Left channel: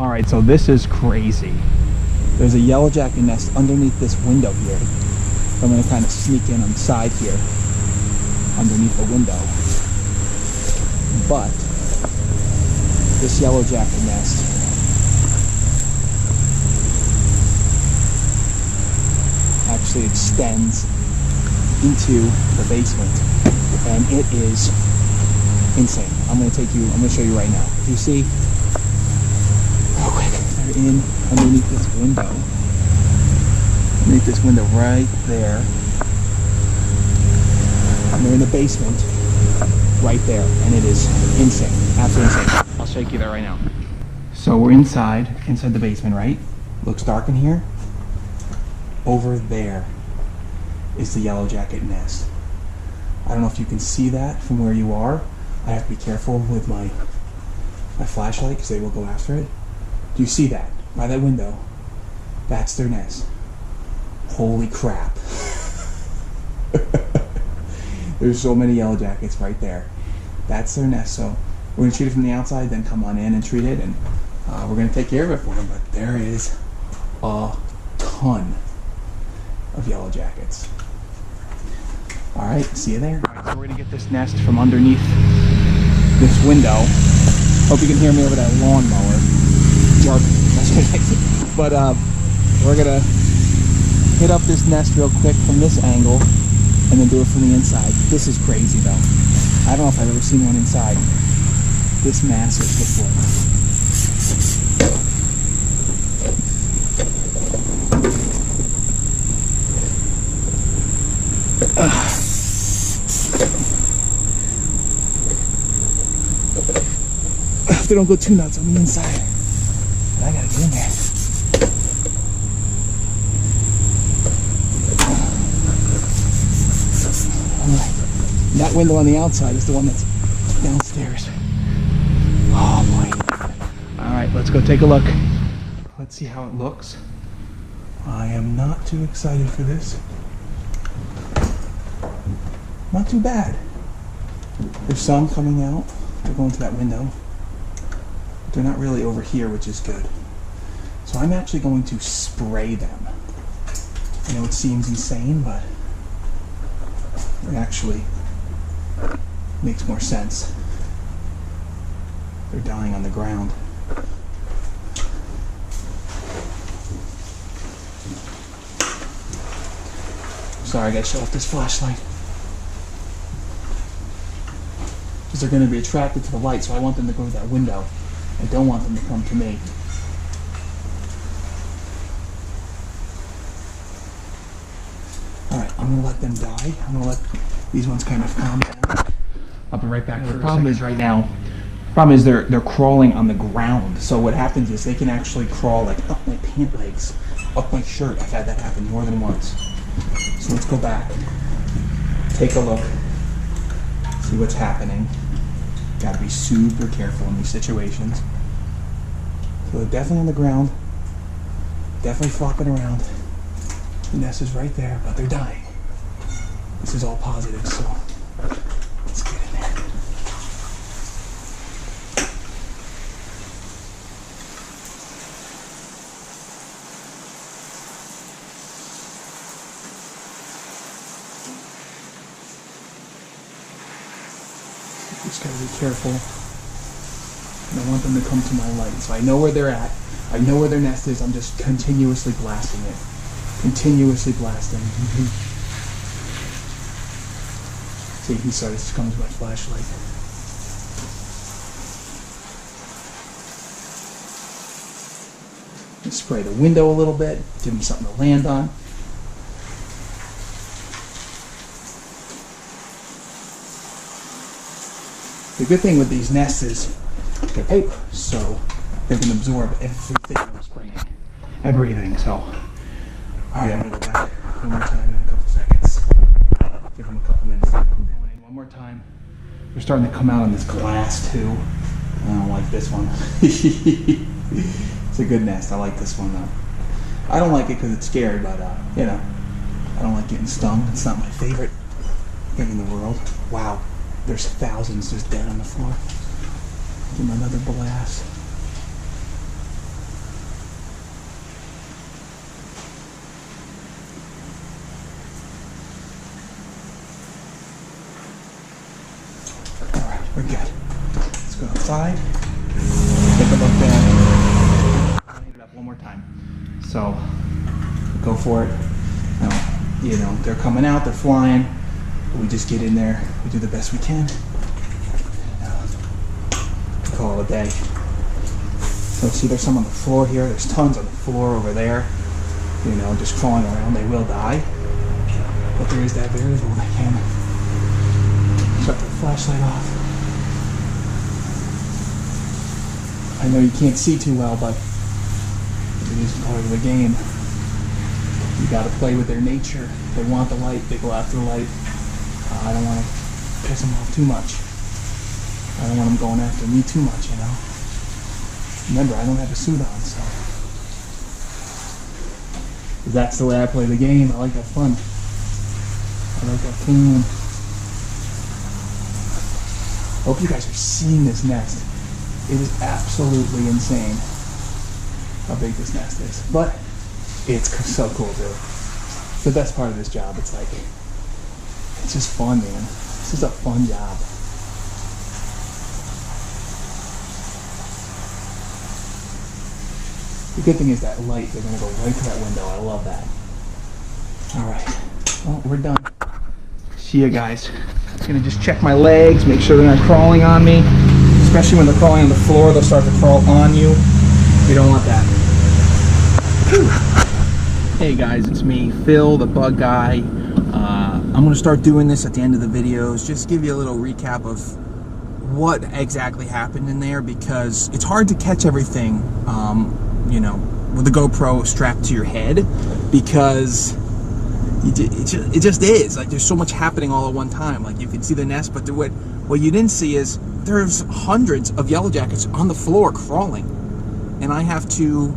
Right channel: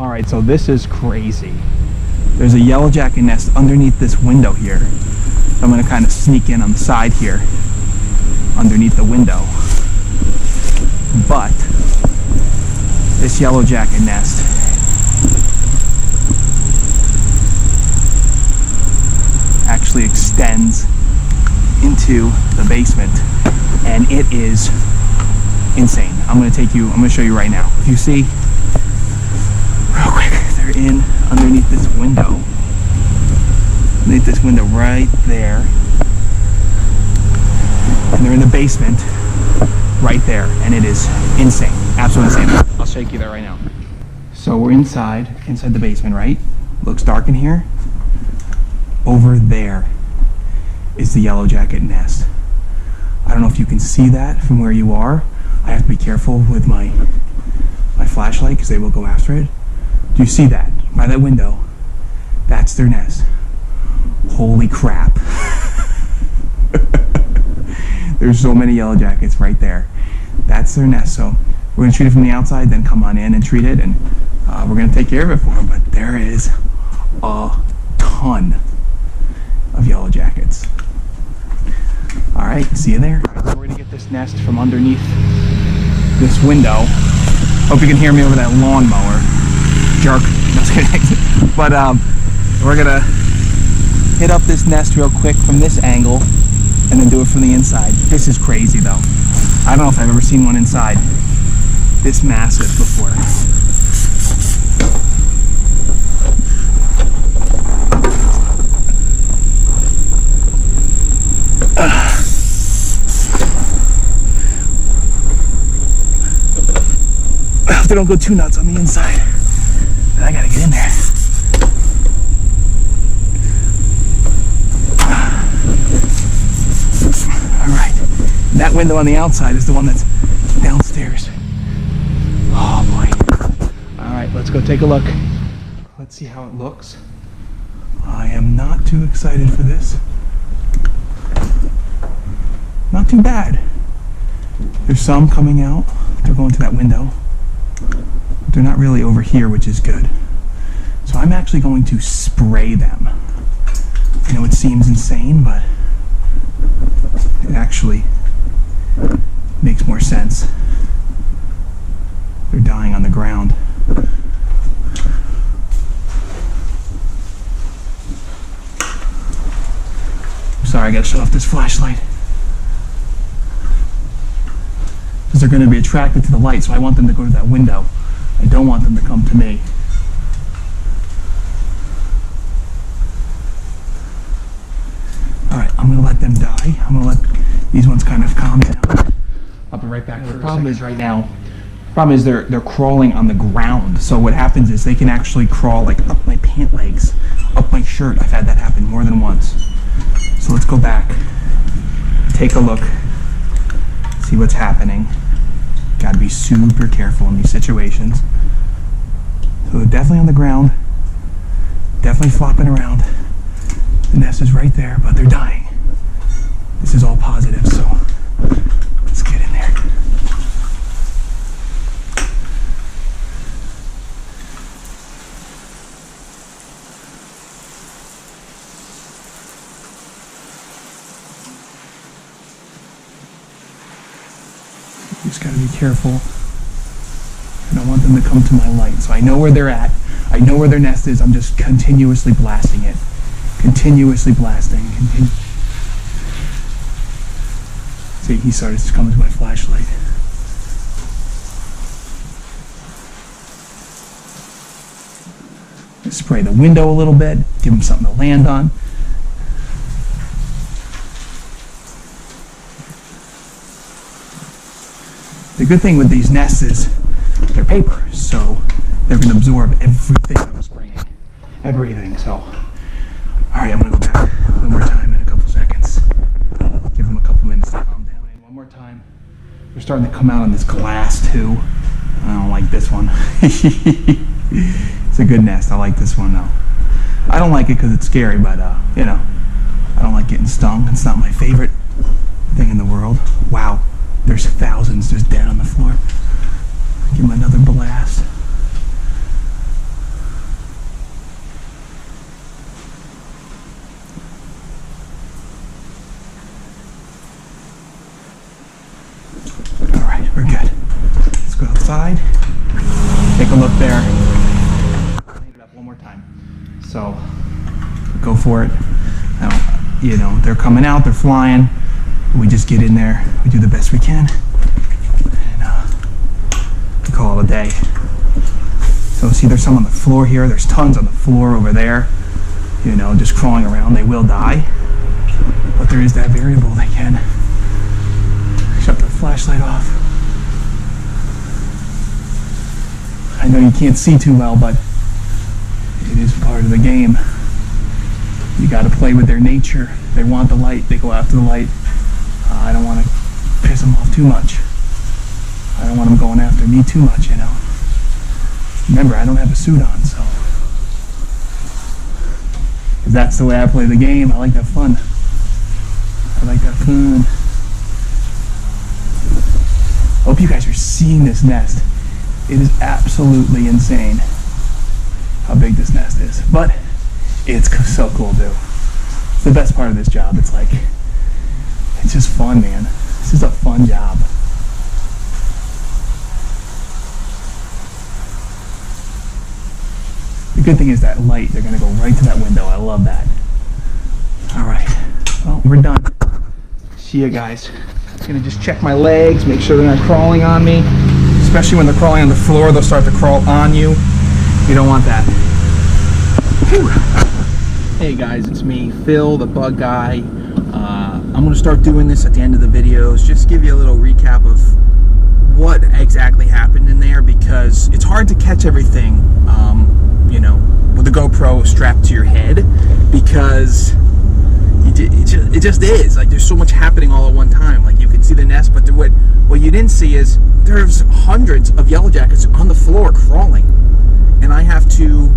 Alright, so this is crazy. There's a yellow jacket nest underneath this window here. So I'm going to kind of sneak in on the side here, underneath the window. But this yellow jacket nest actually extends into the basement, and it is insane. I'm going to show you right now. If you see, real quick, they're in underneath this window. Underneath this window right there. And they're in the basement right there, and it is insane. Absolutely insane. I'll shake you there right now. So we're inside the basement, right? Looks dark in here. Over there is the yellow jacket nest. I don't know if you can see that from where you are. I have to be careful with my flashlight because they will go after it. Do you see that? By that window, that's their nest. Holy crap. There's so many yellow jackets right there. That's their nest. So we're going to treat it from the outside, then come on in and treat it, and we're going to take care of it for them. But there is a ton of yellow jackets. All right, see you there. All right, so we're going to get this nest from underneath this window. Hope you can hear me over that lawnmower. Jerk. But we're gonna hit up this nest real quick from this angle and then do it from the inside. This is crazy though. I don't know if I've ever seen one inside this massive before. I hope they don't go too nuts on the inside. But I gotta get in there. Alright. That window on the outside is the one that's downstairs. Oh boy. Alright, let's go take a look. Let's see how it looks. I am not too excited for this. Not too bad. There's some coming out. They're going to that window. They're not really over here, which is good. So I'm actually going to spray them. I know it seems insane, but it actually makes more sense. They're dying on the ground. I'm sorry, I gotta shut off this flashlight. Because they're going to be attracted to the light, so I want them to go to that window. I don't want them to come to me. Alright, I'm going to let them die. I'm going to let these ones kind of calm down. I'll be right back. The problem is right now, they're crawling on the ground. So what happens is they can actually crawl like up my pant legs, up my shirt. I've had that happen more than once. So let's go back, take a look, see what's happening. Got to be super careful in these situations. So they're definitely on the ground, definitely flopping around. The nest is right there, but they're dying. This is all positive, so let's get in there. Just gotta be careful. I don't want them to come to my light. So I know where they're at. I know where their nest is. I'm just continuously blasting it. Continuously blasting. See, he started to come to my flashlight. Spray the window a little bit. Give him something to land on. The good thing with these nests is they're paper, so they're going to absorb everything I'm spraying. Everything, so. Alright, I'm going to go back one more time in a couple seconds. Give them a couple minutes to calm down. One more time. They're starting to come out on this glass too. I don't like this one. It's a good nest. I like this one though. I don't like it because it's scary, but you know, I don't like getting stung. It's not my favorite thing in the world. Wow. There's thousands just dead on the floor. Give him another blast. outside. Take a look there. We'll need it up one more time. So go for it. Now, you know, they're coming out, they're flying. We just get in there, we do the best we can, and we call it a day. So see, there's some on the floor here. There's tons on the floor over there. You know, just crawling around. They will die, but there is that variable. They can shut the flashlight off. I know you can't see too well, but it is part of the game. You got to play with their nature. They want the light. They go after the light. I don't want to piss them off too much. I don't want them going after me too much, you know. Remember, I don't have a suit on, so that's the way I play the game. I like that fun. I like that fun. Hope you guys are seeing this nest. It is absolutely insane how big this nest is, but it's so cool too. It's the best part of this job. It's like, it's just fun, man. This is a fun job. The good thing is that light, they're gonna go right to that window. I love that. All right, well, we're done. See you guys. I'm gonna just check my legs, make sure they're not crawling on me. Especially when they're crawling on the floor, they'll start to crawl on you. We don't want that. Whew. Hey guys, it's me, Phil, the bug guy. I'm gonna start doing this at the end of the videos, just give you a little recap of what exactly happened in there, because it's hard to catch everything, you know, with the GoPro strapped to your head, because it just is. Like, there's so much happening all at one time. Like, you can see the nest, but what you didn't see is there's hundreds of yellow jackets on the floor crawling, and I have to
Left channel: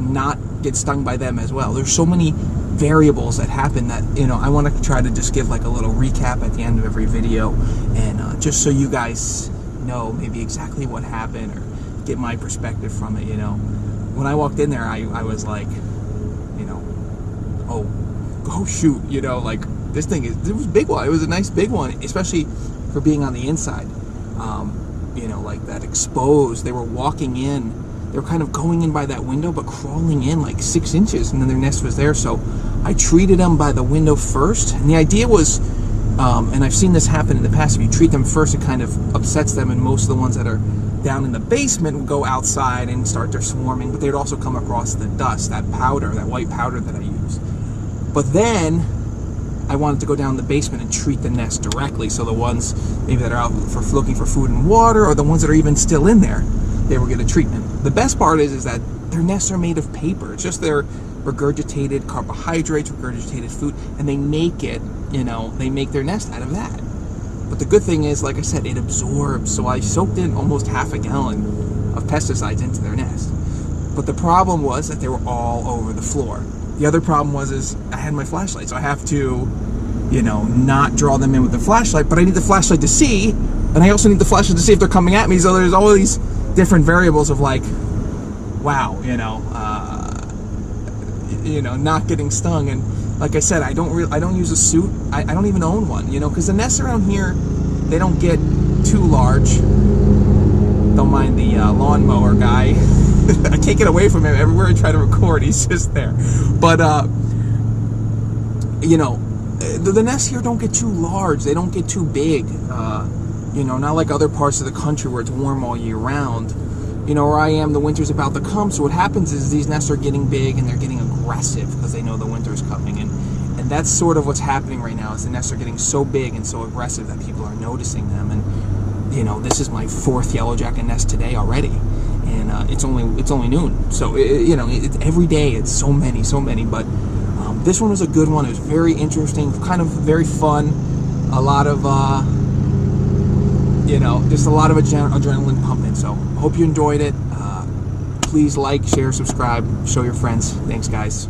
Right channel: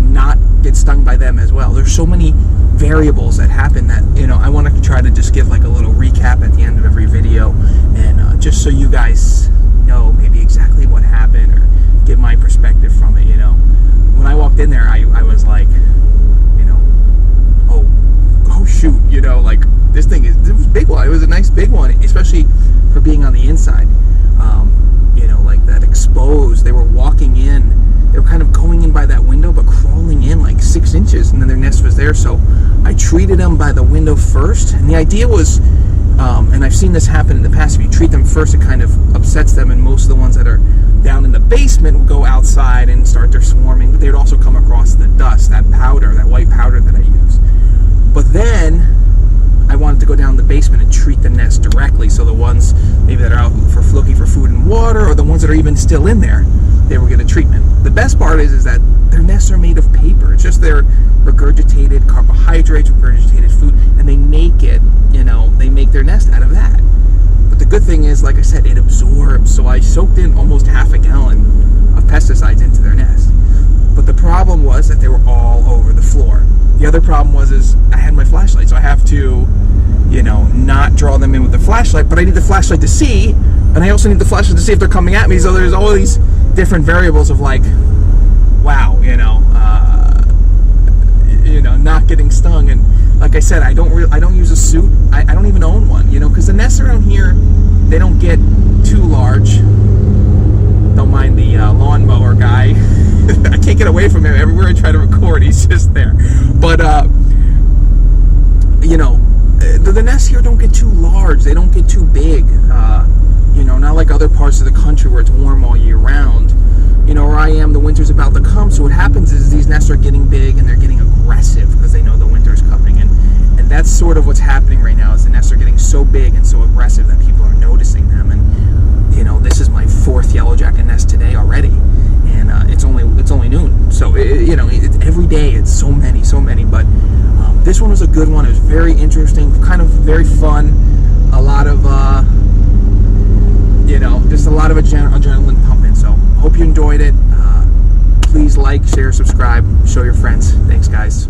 not get stung by them as well. There's so many variables that happen that, you know, I want to try to just give like a little recap at the end of every video, and just so you guys know maybe exactly what happened, or get my perspective from it. You know, when I walked in there, I was like, you know, oh shoot, you know, like, this thing it was a big one. It was a nice big one, especially for being on the inside. You know, like that exposed, they were walking in, they were kind of going in by that window, but crawling in like 6 inches, and then their nest was there. So I treated them by the window first, and the idea was, and I've seen this happen in the past, if you treat them first, it kind of upsets them, and most of the ones that are down in the basement will go outside and start their swarming, but they'd also come across the dust, that powder, that white powder that I use. But then I wanted to go down the basement and treat the nest directly, so the ones maybe that are out for looking for food and water, or the ones that are even still in there, they will get a treatment. The best part is that their nests are made of paper. It's just their regurgitated carbohydrates, regurgitated food, and they make it, you know, they make their nest out of that. But the good thing is, like I said, it absorbs. So I soaked in almost half a gallon of pesticides into their nest. But the problem was that they were all over the floor. The other problem is I had my flashlight, so I have to, you know, not draw them in with the flashlight, but I need the flashlight to see, and I also need the flashlight to see if they're coming at me. So there's all these different variables of like, wow, you know, not getting stung. And like I said, I don't use a suit. I don't even own one, you know, because the nests around here, they don't get too large. Don't mind the lawnmower guy. I can't get away from him. Everywhere I try to record, he's just there. But you know, the nests here don't get too large. They don't get too big. You know, not like other parts of the country where it's warm all year round. You know, where I am, the winter's about to come. So what happens is these nests are getting big and they're getting aggressive because they know the winter's coming. And that's sort of what's happening right now, is the nests are getting so big and so aggressive that people are noticing them. And, you know, this is my 4th yellow jacket nest today already. And it's only noon. So, you know, every day it's so many. But this one was a good one. It was very interesting, kind of very fun. A lot of, you know, just a lot of adrenaline pumping. So hope you enjoyed it. Please like, share, subscribe, show your friends. Thanks, guys.